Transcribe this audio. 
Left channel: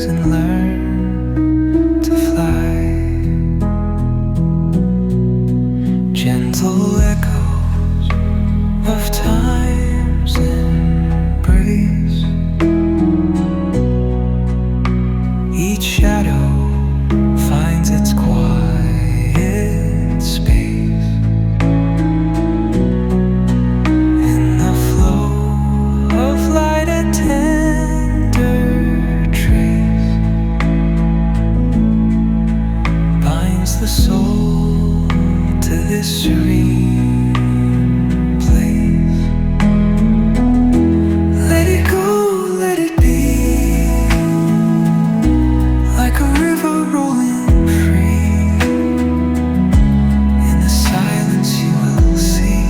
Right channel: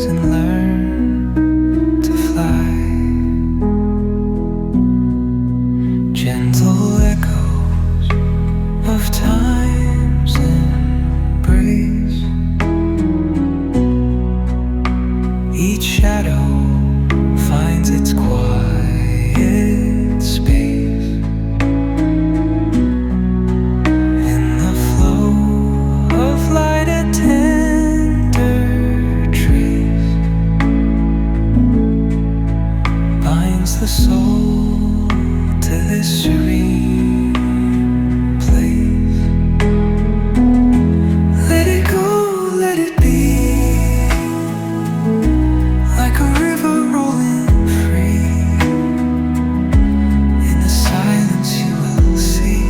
wings and learn to fly. Gentle echoes of time's embrace. Each shadow finds its quiet space. In the flow of light, a tender trace binds the soul to this serene place. Let it go, let it be, like a river rolling free. In the silence you will see